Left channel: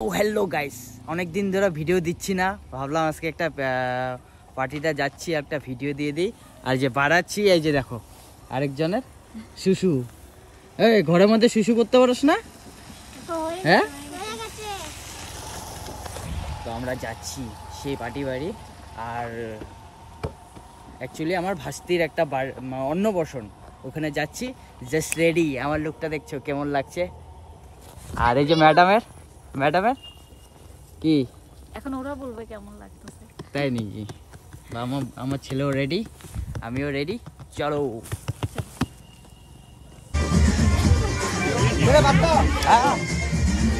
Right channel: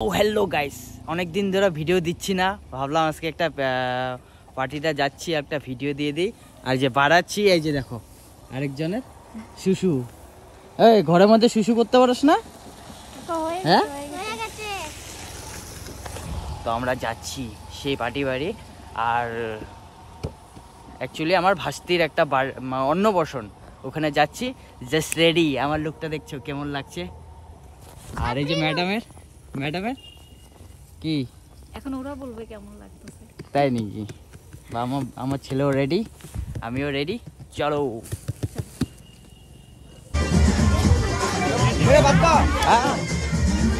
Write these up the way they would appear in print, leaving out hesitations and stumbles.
Hello guys अनेक दिन धरे भिडियो दिच्छी ना भाबलाम आज के एक पार्टीटा जाच्छी एक भिडियो दिए दी और जे बाड़ाচ্ছি এই যে দেখো আরেকজনের শুশু এই ঘরের মধ্যে শুশু করতে পারছ না হ্যাঁ তো আমরা যাচ্ছি সেই পার্টি বাড়ি আর অ্যাকচুয়ালি আমার ভাস্তির একটা অন্নপ্রাশন ওখানে যাচ্ছি জাস্ট রেডি আমার লুকটা দেখছো কেমন লাগছে আর এই যে ম্যাডামের কি এখন ওরা বলবে কেমন লাগতেছে তাই নাকি আমার ছেলেও রেডি আমিও রেডি চলো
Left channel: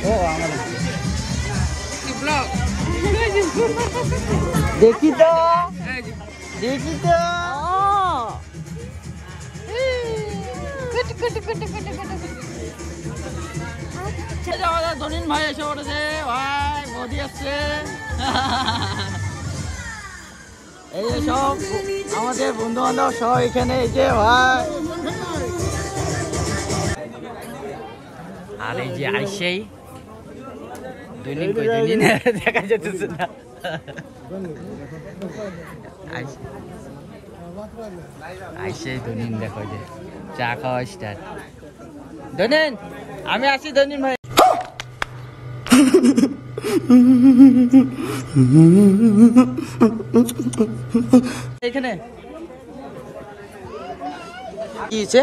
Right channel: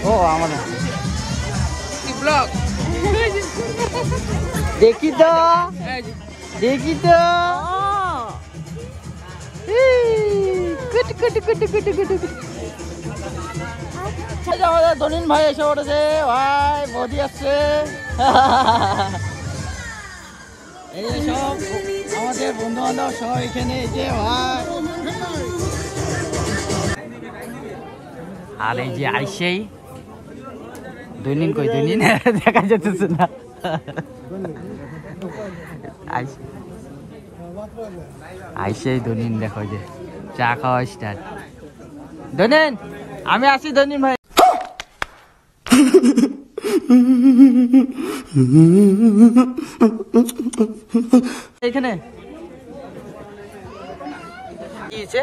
ও আমার কি ব্লগ দেখি তো ধনিন ভাই এসে পড়েছে ভাই মোদি আসছে এই যে সব আমাদের বন্ধু বান্ধব সব এখানে এই যে ভাই আর এই যে আইসেই ধনিন কই ধনিন দেখা যাচ্ছে না আইসেই ধনিন দেখো যে চা খাওয়া স্টার্ট ধনিন আমি আসি ধনিন ভাই এখানে কি হয়েছে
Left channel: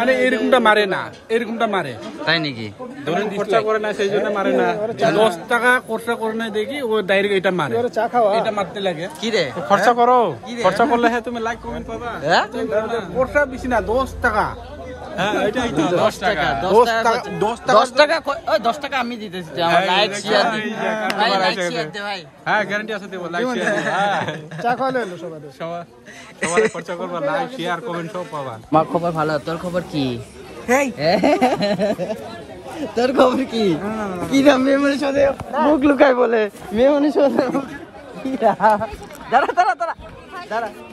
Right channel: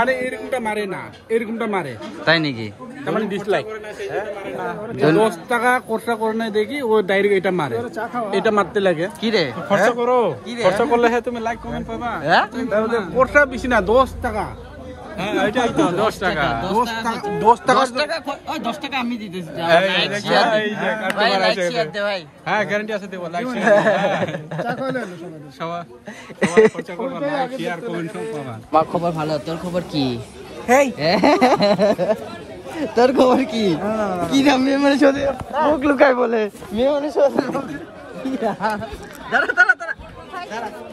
মানে এরকমটা মারে না এরকমটা মারে তাই নাকি খরচা করে না সেই জন্য মারে না 10 টাকা খরচা করে না দেখি ও ডাইরেক্ট এটা মারে এটা মারতে লাগে কি রে খরচা করো খরচা করলে হ্যাঁ তুমি লাইক কমেন্ট পাবা হ্যাঁ খরচা বেশি না 10 টাকা হ্যাঁ এটাই তো 10 টাকা 10 টাকা আমি দিতেছি লাইক শেয়ার এই যে কাস্টমার আছে ভাই হ্যাঁ গ্যারান্টি আছে দেব লাইক শেয়ার চা খাওয়ালে সবাই খরচা করবা লাইক শেয়ার কমেন্ট সব পাবা খবর ভালো তোর খবর কি হেই তোর খবর কি কি না মেয়ে মানুষ ওরে মুখ লুকাই বলে মেয়ে মানুষ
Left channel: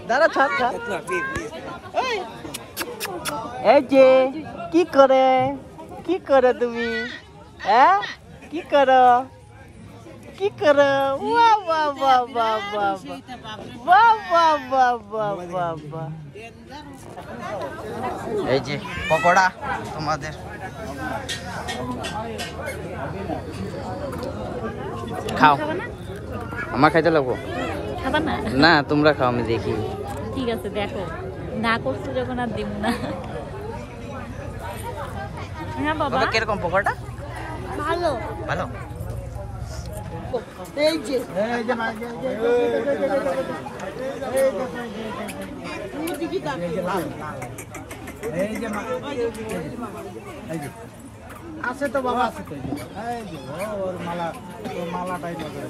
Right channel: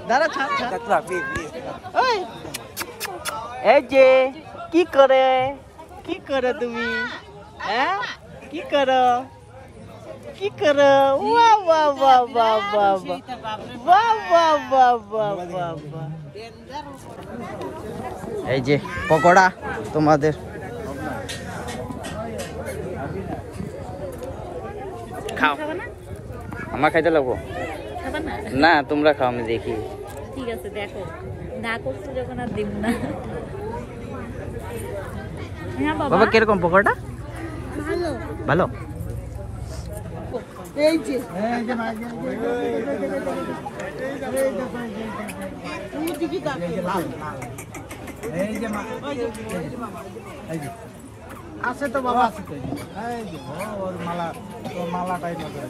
দাঁড়া ছাড় এই যে কি করে তুমি হ্যাঁ কি করো বাহ বাহ বাহ বাহ বাহ বাহ বাহ বাহ বাহ বাহ বাহ এই যে পকোড়া তোমাদের খাও আমার খাইতে লাগবো না তোমরা খাও আমি দেখি ঠিক আছে দেখো না করছো যখন আর দিব না হ্যাঁ বাবা কিরকম পকোড়া ভালো এই যে আছে তো বাবা আছে তো এই যে ওর মালাটাই নজরে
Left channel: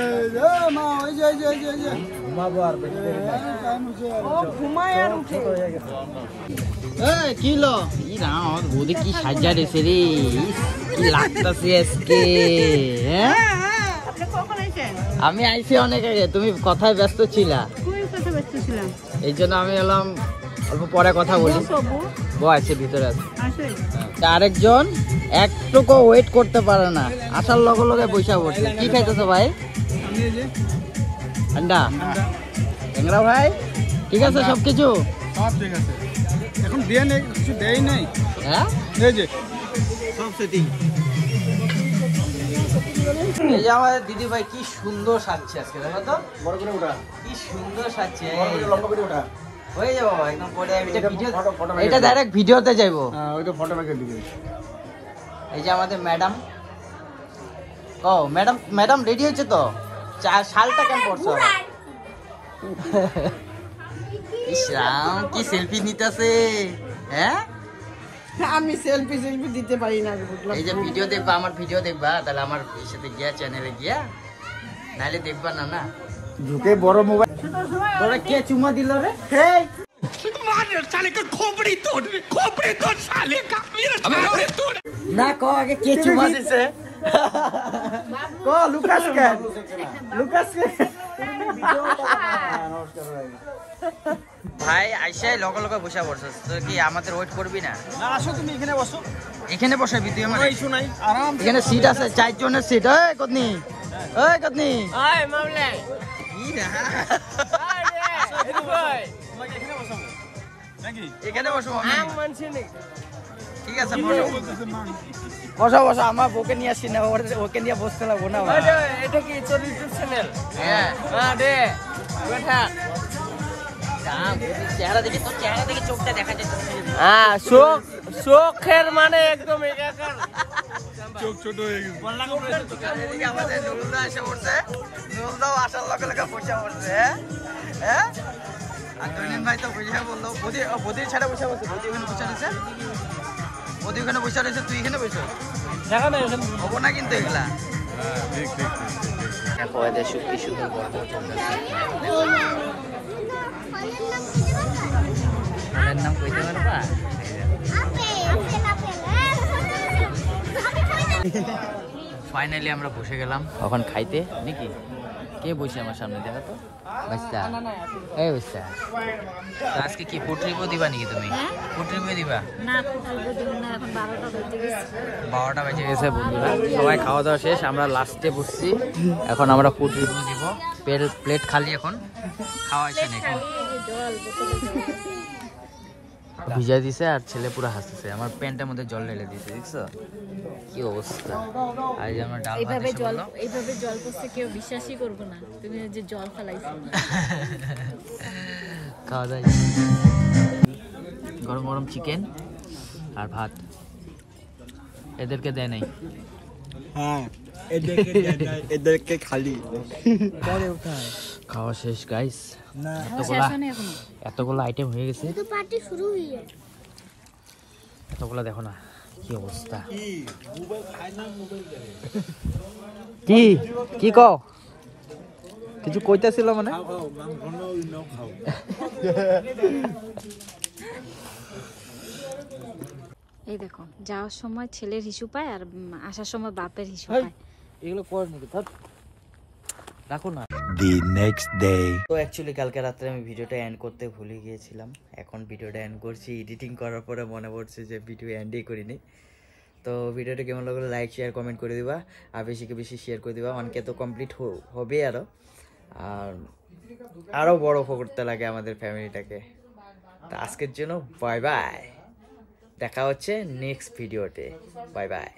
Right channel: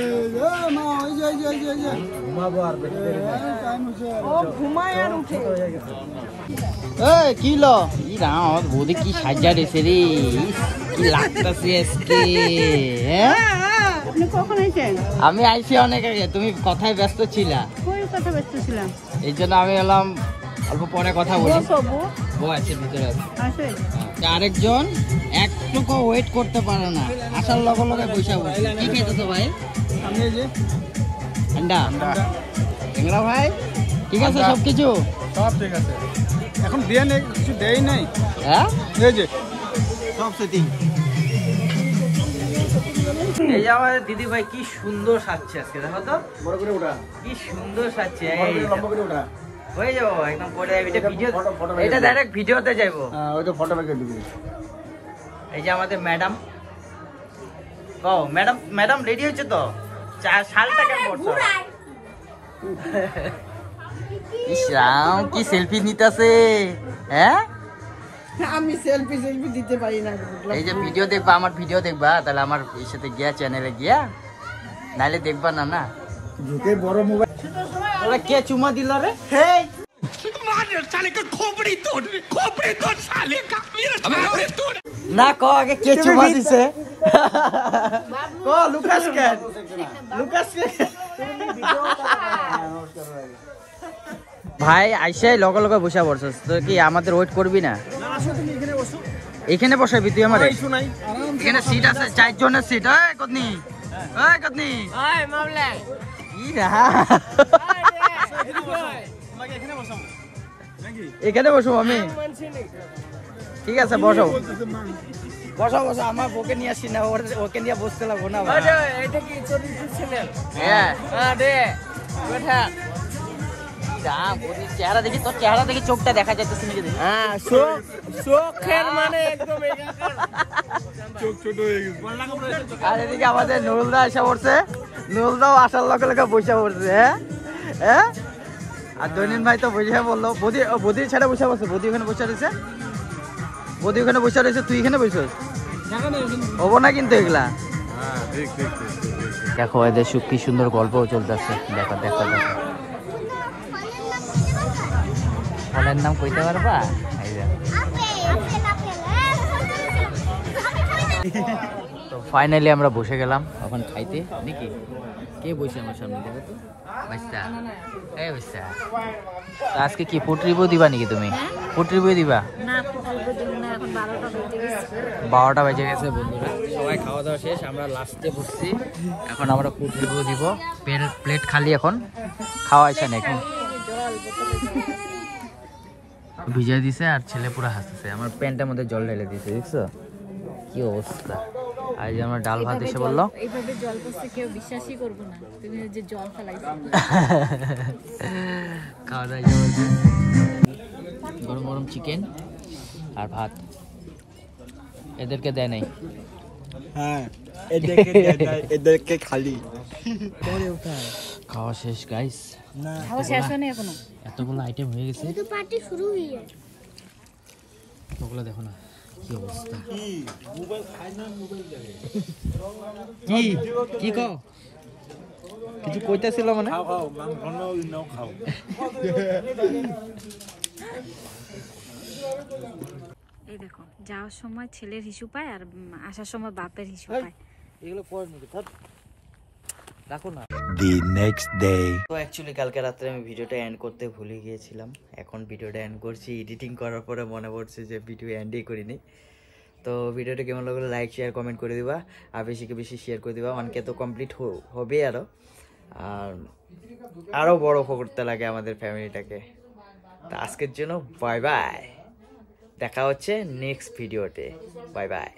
এই যে মা ওই যে ঘুমাবো আর বেশি দেরি নাই টাইম হচ্ছে ও ঘুমায় আর উঠে হয়ে গেছে এই কি লো ই না আমার বৌদি কি সাজা রেছে রে কি লাগতাছে আজকে হ্যাঁ আপনি কখন আইছেন আমি আইছি অনেক আগে তুমি কথায় ব্যস্ত ছিলা কই কথা ব্যস্ত ছিলাম এই জন্য আমি এলাম অল্প পরে কথা বলি বউ আছে ভিতরে আছে আরেকজন একটুকু ওয়েট করতে পারে না আসার লগে লগে পয়সা বসে কি খাইতেছো ভাই আমি এই যে ঠান্ডা ট্যাংরা ভাই ঠিক আছে সবকিছু সব ঠিক আছে এখন দিয়ে নেই কিছু দেই নাই হ্যাঁ এই যে সব সেটিং এই যে আমাদের দিদি ভাই কি সুন্দর সাজছে আজকে দেখো তো বড় করে ওঠা কি সুন্দর সাজছে লম্বা করে ওঠা হয়ে যাবো একদম পরে এটা ভিডিও এটা ডাইরেক্ট ভিডিওতে যাইবো হ্যাঁ ওইটা ফটো রেখে দিবি এই যে আমাদের ম্যাডাম ও ম্যাডাম রেডি হয়েছে তো শালটা কেমন পড়ছো ইসরাম কি সেলফি নিতেছে হ্যাঁ আমি সেলফি দিতে পারি না এই যে ভিডিও দেখবা আমার ভিডিও দেখবা তাহলে আমার এর সাথে গিয়া চ্যানেলে গিয়া নাইলে দেখবা না ঝুঁকে বড় মোবাইল তোরা কে চুমা দিল রে হেই मार साले का खोपड़ी तोड़ साले का मेरा खोपड़ी तोड़ না ক আগে কে চুমা দিছে ক লুকাস কে ভাই আইসাই লগে লগে বসে পড়ছস তো কি আমাদের ওয়েট করবি না না আসো তুমি এখানে বসো এখানে বসাবি তুই আমার ওই শুনাই আরাম এখানে সিট আছে 4 জনের সিট এই কতনি আয় মামলা কি রা এখানে বসো আমি ঠিক আছে বসো বসো বসো আমার বউকে নিয়ে আসি না ওকে নিয়ে বসতে লাগবো না আবার এটা কি তোর ইউটিউব চ্যানেল হ্যাঁ হ্যাঁ দে বেটা যা বলি চেহারা দেখি তোর চেহারা দেখি চোখটা দেখা যাচ্ছে হ্যাঁ চোখের মানে একদম চোখ ছোট হয়ে গেছে আর এদিকে আমাদের নুরুলদা এসে পড়ছে নুরুলদাও আসার লগে লগে বসে পড়ছে হ্যাঁ আর দৈনিন ভাই তো বসে বললো বদির ছেড়ে বসে বসে বদি ওখানে বসে রয়েছে বদি ওখানে বসে রয়েছে তুই এখানে বসে হবো না কিন্তু এগুলা দেখো এদের কি সুন্দর গল্প চলতেছে দেখো দেখো দেখো ফোনের নাম কইতে পারবা তো ফাইনালি আমরা বসে গেলাম এখন খাইতে নাকি কে বসে আমার সামনে দেখো তো বাচ্চা এই বাচ্চা তো আজকে কি পুটরি বই দিবা নাকি তুমি পুটরি বই দিবা না ফুটবল দিন না এখন 12টা বেজে গেছে 12টা বেজে গেছে বন্ধুরা সবাই খাওয়া দাওয়া শেষ আমরা লাস্টে বসছি এখন আমরা পুটরি বই দিব প্লেট খালি এখন খাওয়া হয়েছে না এখন জল বোতলে জল ভিজা দিছে আর ছেলে পুরো হাসতেছে আমার প্যান্টের মধ্যে জল ঢেলে দিয়েছে দেখছো কি অবস্থা আর যে আমরা ডাল ভাত এসে বললো এইভাবে জল পড়ছে কেউ বিশ্বাসই করবো না তুমি যে জল ফেলাইছো খাওয়া দাওয়া গরম গরম চিকেন আর ভাত এদেরকে দেয় নাই হ্যাঁ এদেরকে খালি পরে উঠায় খাওয়া শেষ গাইস না খাওয়া শেষ হয়নি এখনো এতগুলো আইটেম হয়ে গেছে তো পার্টি শুরু হয়ে গেছে এতগুলো দেখো না কি অবস্থা কি মোবাইল খায় না মোবাইল দেখে কি কি কও কিছু কইতাছিল মানে খাও খাও মাংস নাও খাও এই দেখো যাওয়ার সময় ছেলের হিসু পায় আর আসার সময় বাপের হিসু পায় এগুলো কর নাকি থাক রাখো না The next day. তো অ্যাকচুয়ালি কালকে রাত্রে আমি ভিডিওটা এন্ড করতে ভুলে গিয়েছিলাম এখন ভিডিওটা এন্ড করছি এডিটিং করার পরে মনে পড়ছে যে ভিডিও এন্ডই করিনি তো ভিডিওটা কেমন লাগলো লাইক শেয়ার কমেন্ট করে দিবা আর বেশিকে বেশি শেয়ার করে দিবা অনকে তো কমপ্লিট হবে আরও বড় করতে লাগে আমাদের ফ্যামিলিটাকে তো আজকের জন্য বাই বাই দেখা হচ্ছে নেক্সট ভিডিওতে বাই বাই